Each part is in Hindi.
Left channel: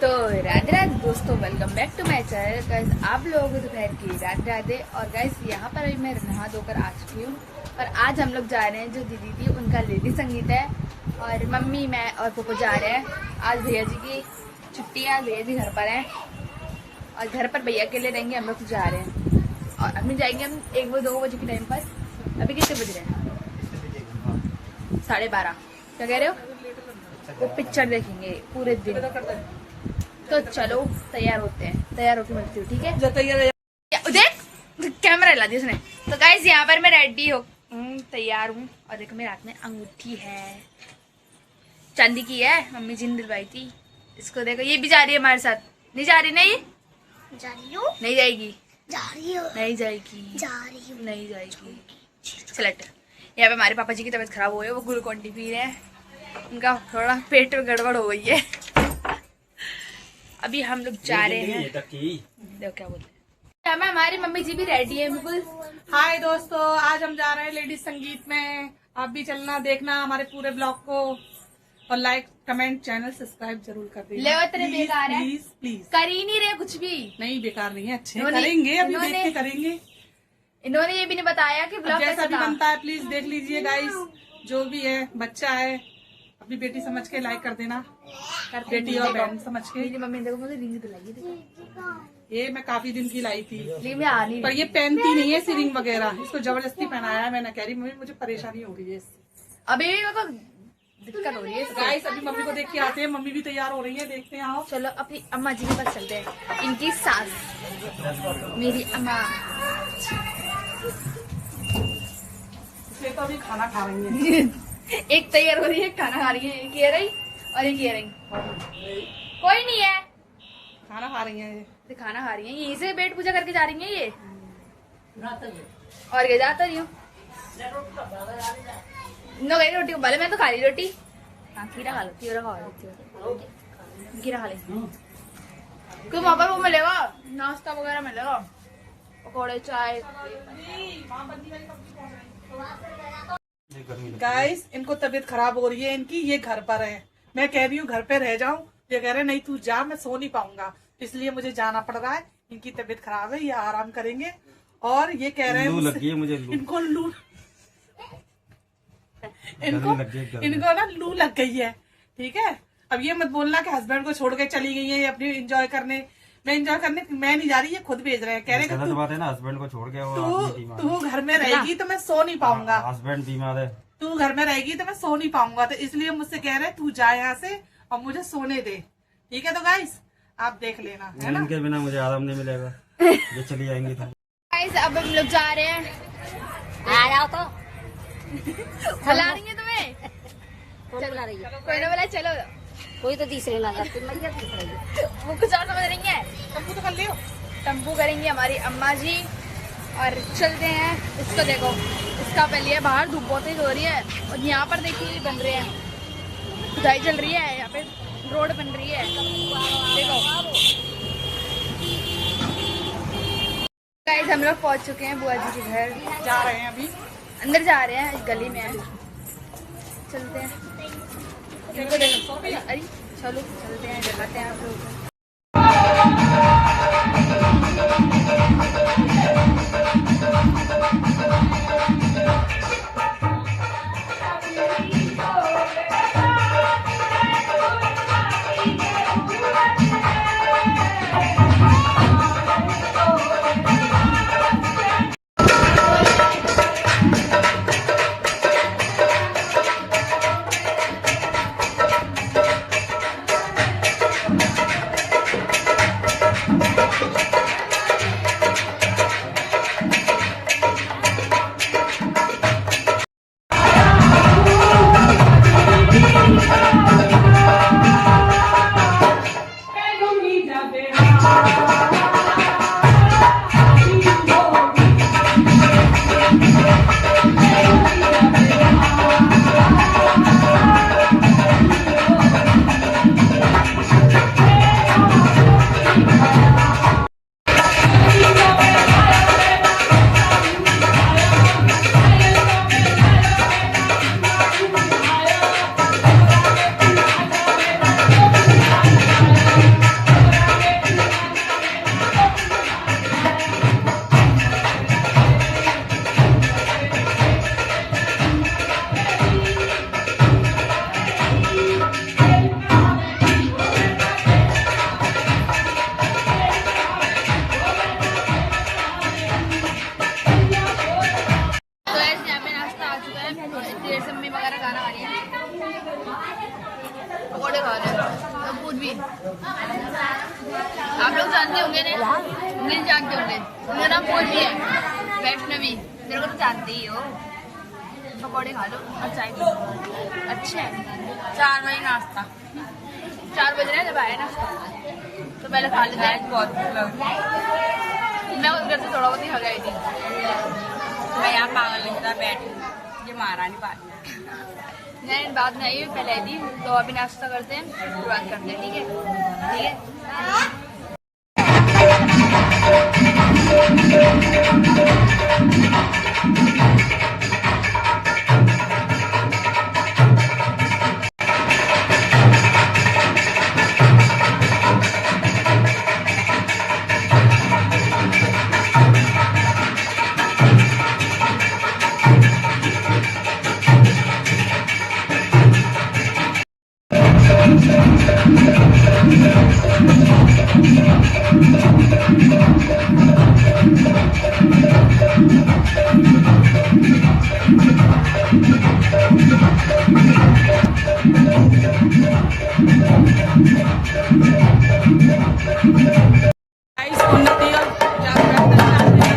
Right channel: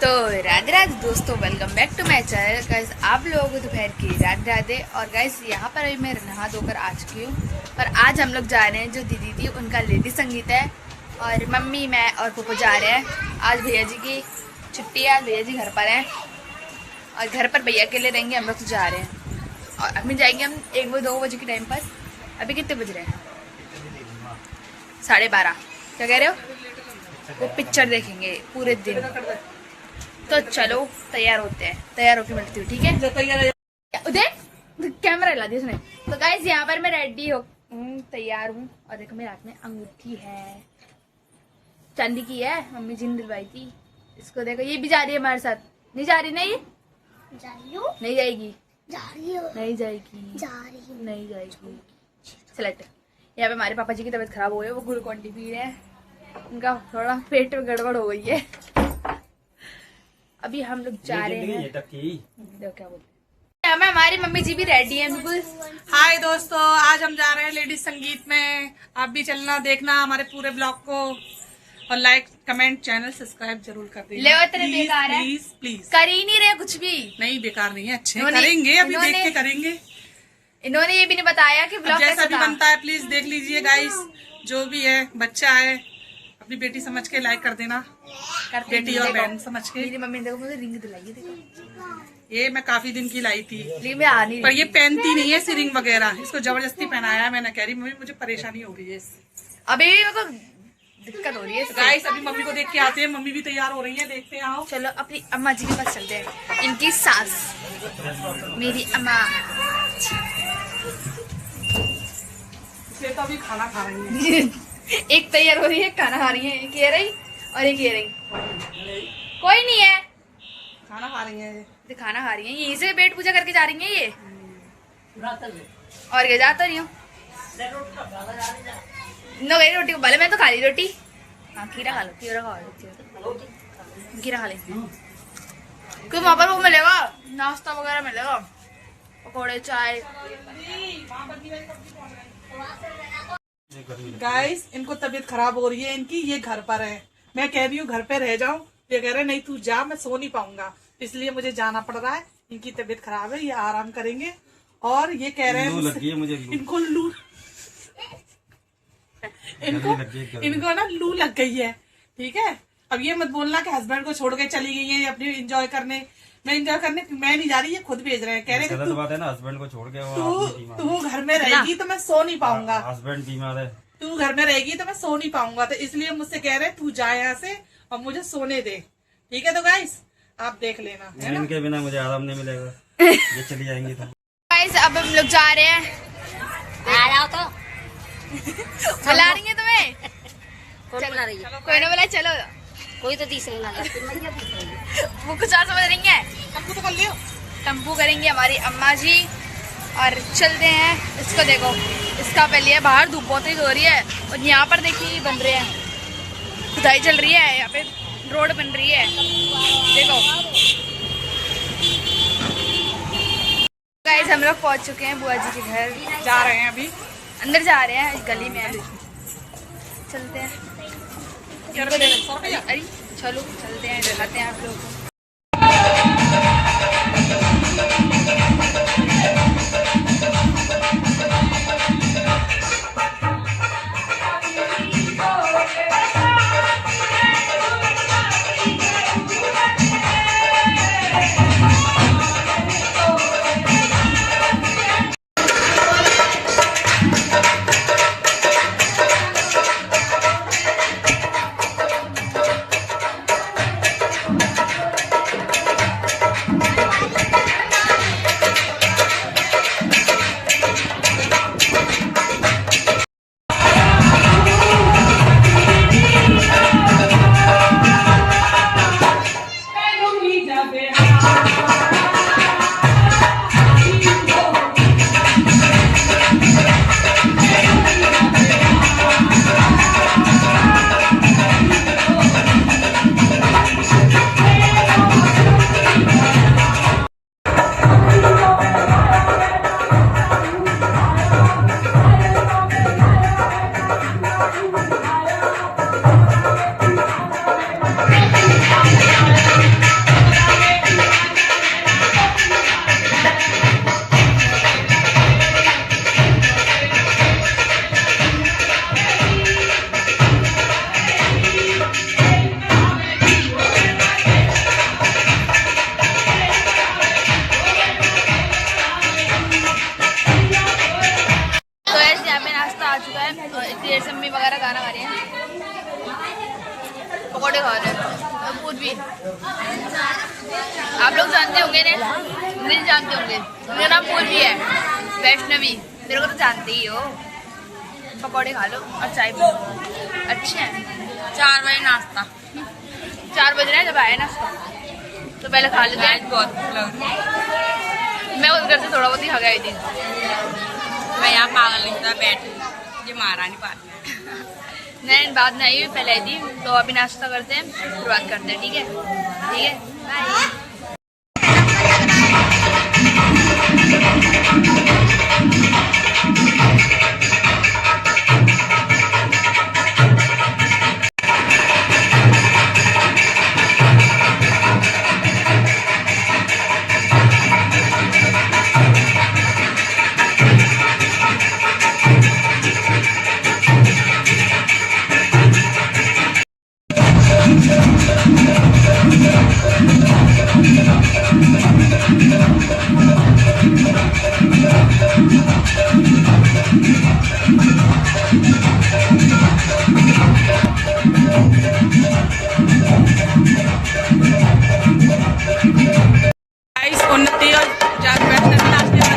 तो राधे राधे दोस्तों, welcome back to my channel. Guys आप लोगों को दोपहर की राधे राधे। और गाइस यहाँ पर अभी मैं नहा धोकर आ चुकी हूँ। पर आज हम लोग जा रहे हैं, जो दीदी थी उनका लेडी संगीत है। और मम्मी, मैं और पप्पू जा रहे हैं। आज भैया जी की छुट्टी है, भैया जी घर पर हैं और घर पर भैया के लिए रहेंगे। हम लोग तो जा रहे हैं और अभी जाएंगे हम 1-2 बजे के टाइम पर। अभी कितने बज रहे हैं? 12:30। क्या कह रहे हो? वो पिक्चर देखेंगे पूरे दिन। तो चलो तैयार होते हैं, तैयार होके मिलती हूँ, ठीक है? देख कैमरा ला दिया उसने। तो गाइस यहाँ पर मैं रेडी हो तैयार हूँ। और देखो मेरे हाथ में अंगूठी है, चांदी की है, मम्मी जी ने दिलवाई थी। इसको देखो, ये भी जा रही है हमारे साथ। नहीं जा रही? नहीं जा रही हूँ। नहीं जाएगी? जा रही हूँ। नहीं जाएगी? जा रही हूँ। नहीं जाएगी। सेलेक्ट। यहाँ पे हमारे पापा जी की तबीयत खराब हो गई है, वो ग्लूकोन डी पी रहे हैं। उनका थोड़ा पेट में गड़बड़ हो गई है। अभी हम लोग जा रहे हैं। देखो क्या बोलते हैं। हमें हमारी मम्मी जी भी रेडी है बिल्कुल। हाय दोस्तों, आज हम जा रहे हैं लेडीज संगीत में। आप भी चलना, देखना हमारे पूरे ब्लॉग को और लाइक कमेंट चैनल सब्सक्राइब जरूर कर देना। ले तेरे बेकार है, प्लीज प्लीज। कर ही नहीं रहे कुछ भी। नहीं बेकार नहीं है, अच्छे करेंगे, अभी देख के करेंगे। इन्होंने ये भी नहीं बताया कि ब्लॉग जैसा भी बनता है प्लीज देख लीजिए गाइस। जो भी है, बच्चा है, अपनी बेटी समझ के लाइक कर देना। बेटी और बहन समझ के। मेरी मम्मी ने देखो मुझे रिंग दिलाई, देखो ये मैं काफी दिन की लाई थी, रिंग में आ नहीं पर ये पहनती नहीं है रिंग वगैरह। इसको जबरदस्ती पहनाया है। मैंने कह रही मम्मी मुझे परेशानी हो रही है इससे। अभी मेरे को दिक्कत हो रही है। गाइस अभी मम्मी को देख के आते हैं। मम्मी भी तैयार हो रही है, देखते हैं। आओ चलो अपनी अम्मा जी के पास चलते हैं। इनकी सास, मेरी अम्मा। इसलिए तो अभी खाना खा रही है। एक तैयार हो रही है, खाना खा रही है, एक ये रही और एक ये रही। कोई नहीं है, खाना खा रही है। ये खाना खा रही है। यहीं से पेट पूजा करके जा रही है ये। और क्या जाता रही हूँ नो गई रोटी को। भले मैं तो खा ली रोटी। हाँ खीरा खा लो, खीरा खा लो, खीरा खा लेंगे। क्यों वहाँ पर वो मिलेगा, नाश्ता वगैरह मिलेगा, पकौड़े, चाय। गाइस इनको तबीयत खराब हो रही है इनकी, ये घर पर है। मैं कह रही हूँ घर पे रह जाऊं, ये कह रहे नहीं तू जा, मैं सो नहीं पाऊंगा, इसलिए मुझे जाना पड़ रहा है। इनकी तबीयत खराब है, ये आराम करेंगे। और ये कह रहे हैं लू लगी है मुझे। इनको लू इनको ना लू लग गई है, ठीक है? अब ये मत बोलना कि हस्बैंड को छोड़ के चली गई है अपनी एंजॉय करने। मैं नहीं जा रही, ये खुद भेज रहे हैं। कह रहे हैं बात है ना, हस्बैंड को छोड़ के तू घर में रहेगी तो मैं सो नहीं पाऊंगा। हस्बैंड बीमार है, तू घर में रहेगी तो मैं सो नहीं पाऊंगा, तो इसलिए मुझसे कह रहे तू जा यहाँ से और मुझे सोने दे, ठीक है? तो गाइस आप देख लेना, है ना? इनके बिना मुझे आराम नहीं मिलेगा। ये चली जाएंगी तो गाइस अब हम लोग जा रहे हैं। तो बुला रही है तुम्हें? कौन बुला रही है? कोई ना बुला, चलो। कोई तो तीसरी ना वो कुछ और समझ रही है। हमको तो कर लियो। टम्पू करेंगी हमारी अम्मा जी और चलते हैं। इसको देखो, इसका पहले है बाहर धूप बहुत तेज हो रही है। और यहाँ पर देखिए बन रहे हैं, खुदाई चल रही है, यहाँ पे रोड बन रही है, देखो। गाइस हम लोग पहुँच चुके हैं बुआ जी के घर। जा रहे हैं अभी, अंदर जा रहे हैं, गली में है। चलते हैं। इनको देखो, अरे चलो चलते हैं, दिखाते हैं आप लोगों को। आप लोग जानते होंगे नहीं जानते होंगे, मेरा नाम पूर्वी है, वैष्णवी, मेरे को तो जानते ही हो। पकौड़े खा लो और चाय पी लो, अच्छे हैं। 4 बजे नाश्ता 4 बज रहे हैं जब आए नाश्ता, तो पहले खा लेते हैं। बहुत भूख लग रही है। मैं उस घर से थोड़ा बहुत ही खा गई थी। मैं यहाँ पागल लिखता बैठी, ये महारानी पार्टी नहीं बात नहीं हुई, पहले आई थी। तो अभी नाश्ता करते हैं, फिर बात करते हैं, ठीक है? ठीक है, बाय। उन्नति और वैष्णवी नाश्ते में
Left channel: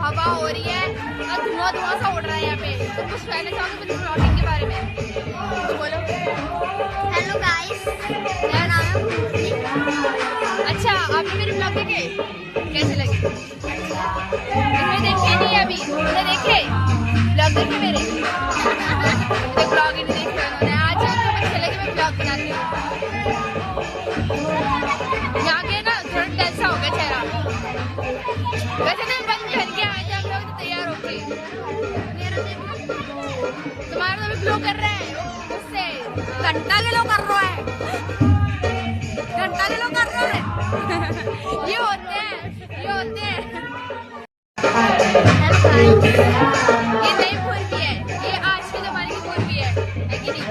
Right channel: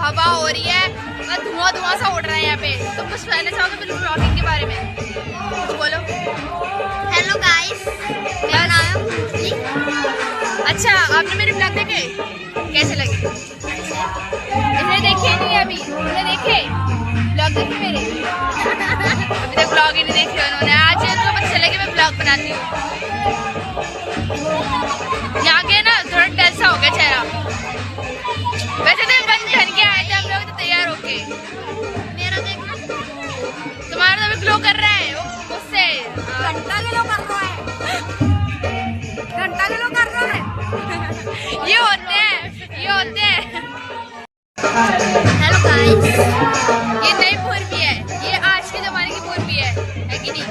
हवा हो रही है और धुआं धुआं सा उड़ रहा है यहाँ पे। तो कुछ कहना चाहोगे फिल्म ब्लॉगिंग के बारे में? कुछ बोलो। हेलो गाइस, मेरा नाम है पूर्वी अच्छा आपने मेरे ब्लॉग देखे कैसे लगे? इसने देखे नहीं अभी, उन्होंने देखे ब्लॉग देखे मेरे ब्लॉग ही नहीं देखे उन्होंने। आज उनको पता चला कि मैं ब्लॉग बनाती हूँ। यहाँ के ना थोड़ा कैसा हो गया चेहरा। वैसे तो बंद कर के आए थे हम लोग तो तैयार होके। मेरा देखना तुम्हारा तो अभी ग्लो कर रहा है मुझसे। घंटा ग्लो कर रहा है, घंटा ग्लो कर रहा है। ये होते हैं, ये होते हैं। हेलो गाइस, ये नई पूर्वी है, ये आज के जमाने की पूर्वी है कि नहीं?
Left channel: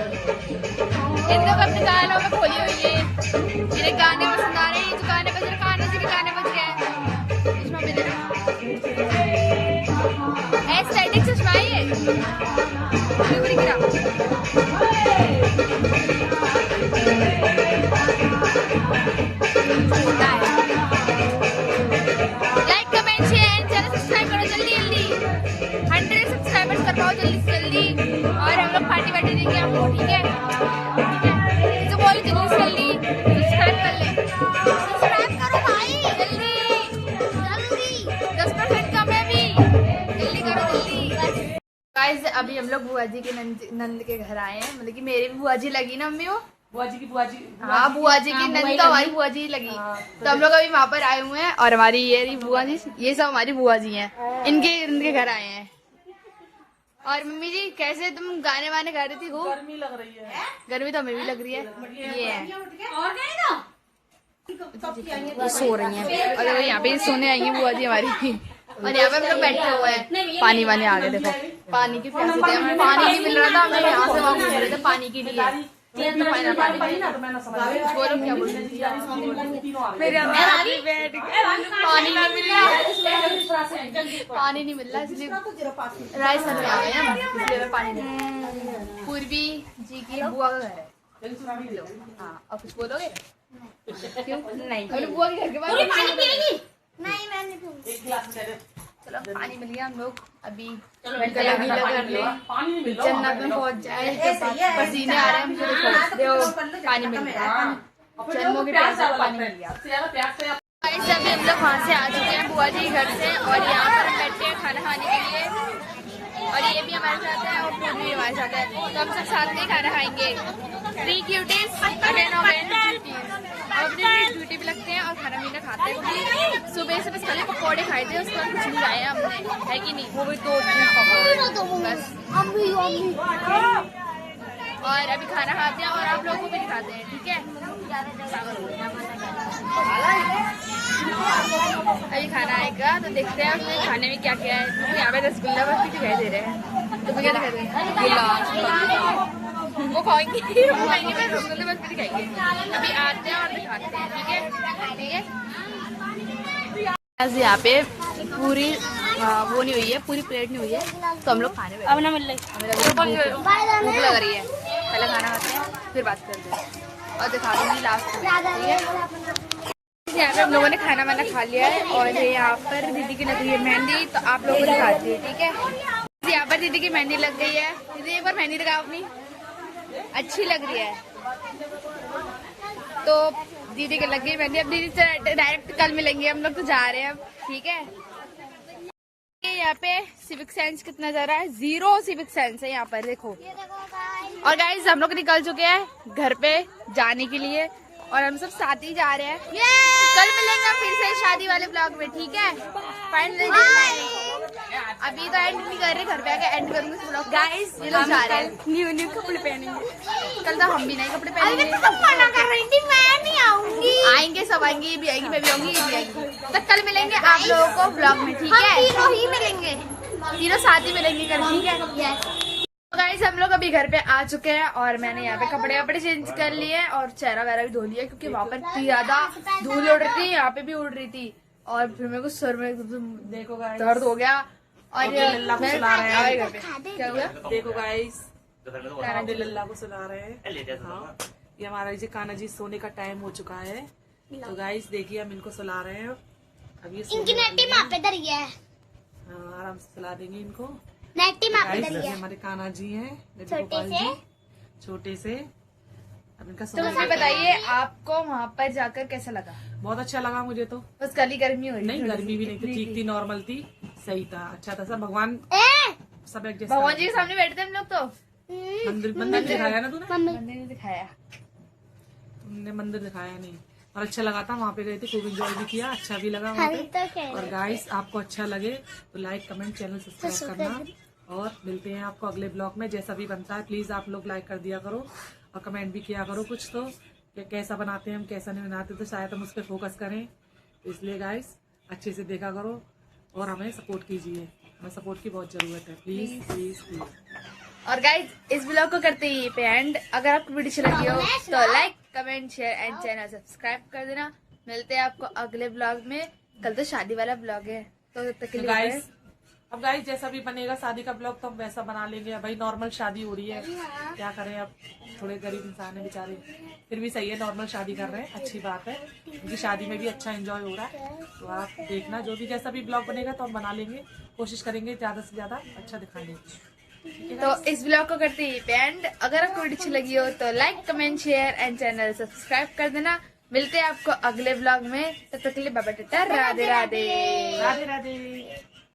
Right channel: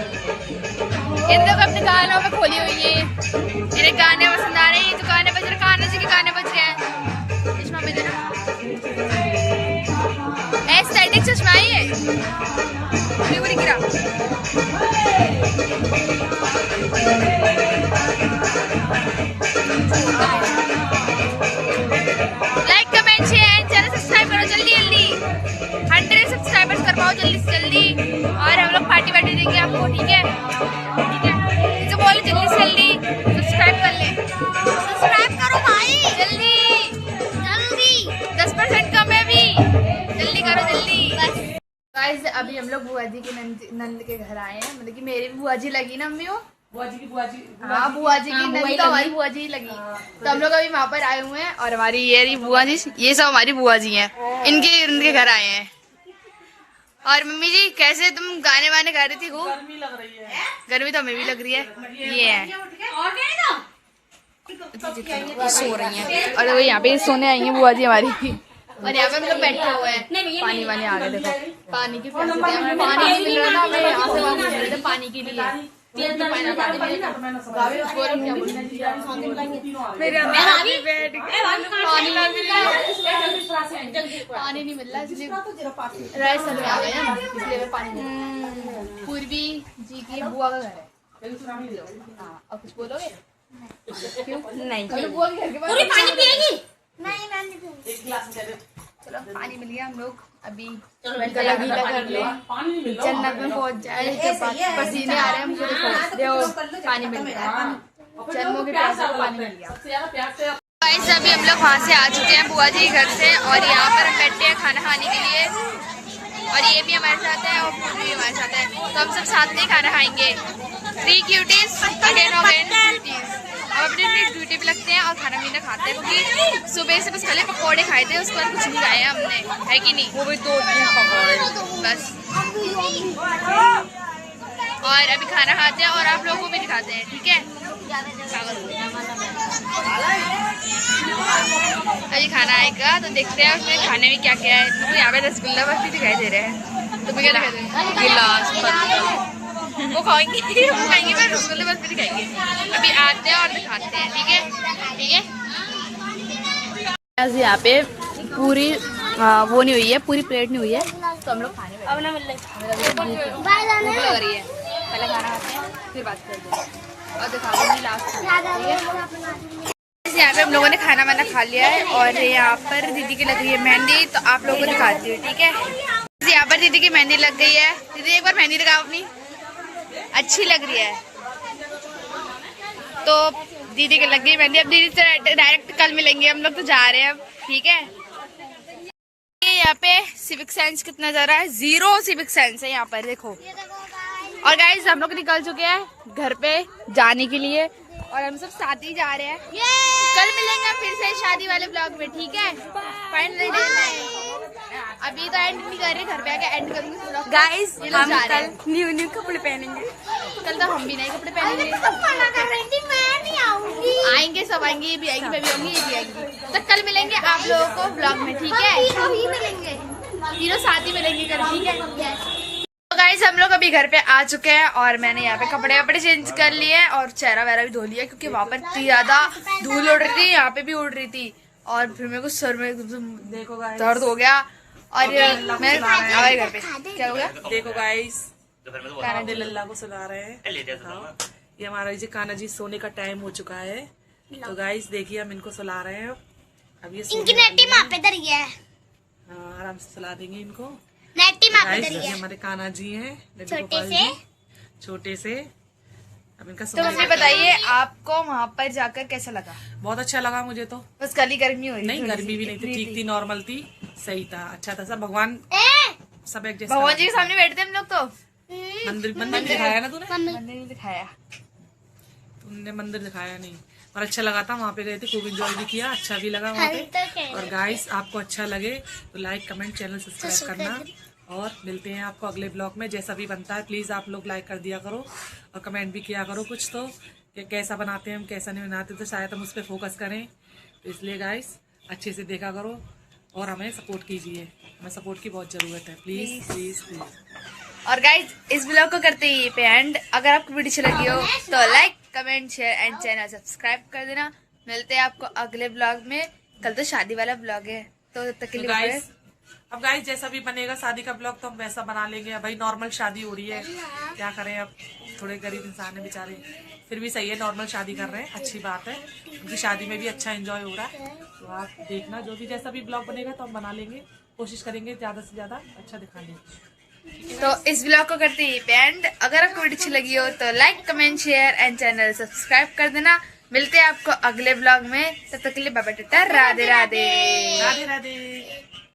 इन लोग अपने गानों में खोली हुई है, इन्हें गाने पसंद आ रहे हैं। जो गाने बज रहे, कान्हा जी के गाने बज रहे हैं। चश्मा में देना, एस्थेटिक चश्मा ही है। पूरी गिरा। Like comment share channel subscribe करो जल्दी जल्दी। 100 सब्सक्राइबर्स कर पाओ जल्दी से जल्दी, और हम लोग पार्टी वार्टी देंगे आपको। ठीक है, ठीक है, जो बोले जल्दी से जल्दी सब्सक्राइब कर ले। सब्सक्राइब करो भाई जल्दी जल्दी, 10% कम है अभी, जल्दी करो जल्दी बस। गाइस अभी हम लोग बुआ जी के नंद के घर आए हैं, मतलब कि मेरी भी बुआ जी लगी ना अम्मी वो बुआ जी की बुआ जी। हाँ बुआ जी की नंद तो हमारी बुआ जी लगी। तो हम लोग अभी वहाँ पर आए हुए हैं, और हमारी ये रही बुआ जी, ये सब हमारी बुआ जी हैं, इनके घर आए हैं। और मम्मी जी कैसे तुम गाने वाने गा रही थी खूब? गर्मी लग रही है। गर्मी तो हमें भी लग रही है। ये है सो रही हैं। और अभी यहाँ पे सोने आई है बुआ जी हमारी। और यहाँ पे हम लोग बैठे हुए हैं, पानी वानी आ गए। देखो पानी की प्यास है, पानी नहीं मिल रहा था, हमें यहाँ से वहाँ घूम रहे थे पानी के लिए। बोलो क्या बोल रही पानी नहीं मिल रहा, पानी नहीं मिल रहा, इसलिए राजस्थान में आ गए हम, इसलिए मैं पानी नहीं। पूर्वी जी की बुआ का घर है। हाँ और कुछ बोलोगे? क्यों नहीं? बुआ के घर के पास पानी पिएगी? नहीं मैं नहीं पीऊंगी। एक गिलास दे दे। चलो पानी मिल गया, हम लोग अभी जन्नत में पहुंच जाए। पसीने आ रहे हैं हमको, देखो पानी मिल गया, जन्मों के प्यास को पानी मिल गया। गाइस अभी हम लोग वहाँ से आ चुके हैं बुआ जी घर से, और यहाँ पर हम बैठे हैं खाना खाने के लिए। और ये भी हमारे साथ है और पूरी भी हमारे साथ है, तो हम सब साथ में खाना खाएंगे। 3 क्यूटीज अगेन अब अपनी अपनी ड्यूटी पे लगते हैं और खाना पीना खाते हैं, क्योंकि सुबह से बस खाली पकौड़े खाए थे, उसके बाद कुछ नहीं खाया हमने, है कि नहीं? वो भी 2-3 पकौड़े बस। और अभी खाना खाते हैं और आप लोगों को भी दिखाते हैं, ठीक है? अभी खाना आएगा तो देखते हैं उसमें खाने में क्या क्या है। तो यहाँ पे रसगुल्ला बस भी दिखाई दे रहे हैं, तो क्या दिखाई दे रहे हैं? गिलास वो खाएंगे, वो खाएंगे, पर रसगुल्ले बस भी दिखाएंगे। अभी आते हैं और दिखाते हैं, ठीक है? ठीक है। यहाँ पे पूरी वो नहीं हुई है, पूरी प्लेट नहीं हुई है, तो हम लोग खाने बैठे। अब ना मिल रही, भूख लग रही है। पहले खाना खाते हैं फिर बात करते हैं, और दिखा दूंगी लास्ट में, ठीक है? यहाँ पे हम लोगों ने खाना वाना खा लिया है, और यहाँ पर दीदी की लग रही है मेहंदी, तो आप लोगों को दिखाती हूँ, ठीक है? यहाँ पर दीदी की मेहंदी लग गई है। दीदी एक बार मेहंदी लगाओ अपनी, अच्छी लग रही है। तो दीदी के लग गई मेहंदी, अब दीदी से डायरेक्ट कल मिलेंगे हम लोग, तो जा रहे हैं अब, ठीक है? यहाँ पे सिविक सेंस कितना जा रहा है, 0 सिविक सेंस है यहाँ पर, देखो। और गाइस हम लोग निकल चुके हैं घर पे जाने के लिए, और हम सब साथ ही जा रहे हैं। कल मिलेंगे फिर से शादी वाले ब्लॉग में, ठीक है? फाइनली अभी तो एंड नहीं कर रहे, घर पे आके एंड करूंगी इस ब्लॉग। गाइस ये लोग जा रहे हैं, न्यू कपड़े पहनेंगे। कल तो हम भी नए कपड़े पहनेंगे। आएंगे सब आएंगे, ये भी आएंगी, मैं भी आऊंगी, ये भी आएंगी। तो कल मिलेंगे आप लोगों को ब्लॉग में, ठीक है? तीनों साथ ही मिलेंगे कल, ठीक है? तो गाइस हम लोग अभी घर पे आ चुके हैं, और मैंने यहाँ पे कपड़े वपड़े चेंज कर लिए और चेहरा वगैरह भी धो लिया, क्योंकि वहाँ पर इतनी ज्यादा धूल उड़ रही थी, यहाँ पे भी उड़ रही थी, और फिर मेरे को सर में देखो दर्द हो गया। और मैं आए घर पे, क्या हो गया? देखो गाइस हमने लल्ला को सुला रहे हैं। हाँ, ये हमारा जी कान्हा जी सोने का टाइम हो चुका है, तो गाइस देखिए हम इनको सुला रहे हैं। अब ये इनकी नेटी माँ पे धरी है, आराम से सुला देंगे इनको। नेटी माँ पे गाइस धरी ये है, हमारे कान्हा जी हैं, छोटे से छोटे से। अब इनका तो सोने मम्मी का बताइए आपको वहाँ पर जाकर कैसा लगा? बहुत अच्छा लगा मुझे तो। बस कल ही गर्मी हो रही नहीं, थी, गर्मी भी नहीं थी, ठीक थी, नॉर्मल थी, सही था, अच्छा था, सब भगवान सब एडजस्ट भगवान जी के सामने बैठते हम लोग तो मंदिर मंदिर दिखाया ना तूने? मंदिर में दिखाया। तुमने मंदिर दिखाया नहीं, और अच्छा लगा था, वहाँ पे गए थे, खूब एंजॉय भी किया, अच्छा भी लगा वहाँ पे। और गाइस आपको अच्छा लगे तो लाइक कमेंट चैनल सब्सक्राइब करना, और मिलते हैं आपको अगले ब्लॉग में। जैसा भी बनता है प्लीज आप लोग लाइक कर दिया करो और कमेंट भी किया करो कुछ तो, कि कैसा बनाते हैं हम, कैसा नहीं बनाते, तो शायद हम उस पर फोकस करें। तो इसलिए गाइस अच्छे से देखा करो और हमें सपोर्ट कीजिए, हमें सपोर्ट की बहुत जरूरत है, प्लीज प्लीज प्लीज। और गाइज इस ब्लॉग को करते ही पे एंड। अगर आपको वीडियो अच्छी लगी हो तो like comment share and channel subscribe कर देना। मिलते हैं आपको अगले ब्लॉग में। कल तो शादी वाला ब्लॉग है तो तब तक के लिए बाय। गाइस अब गाइस जैसा भी बनेगा शादी का ब्लॉग तो हम वैसा बना लेंगे। अब भाई नॉर्मल शादी हो रही है, क्या करें, अब थोड़े गरीब इंसान है बेचारे, फिर भी सही है, नॉर्मल शादी कर रहे हैं, अच्छी बात है, क्योंकि शादी में भी अच्छा एंजॉय हो रहा है। तो आप देखना जो भी जैसा भी ब्लॉग बनेगा तो हम बना लेंगे, कोशिश करेंगे ज्यादा से ज्यादा अच्छा दिखाने की। तो इस ब्लॉग को करते ही पे एंड। अगर आपको वीडियो अच्छी लगी हो तो like comment share and channel subscribe कर देना। मिलते हैं आपको अगले ब्लॉग में, तब तक के लिए बाय बाय, टाटा, राधे राधे। राधे राधे।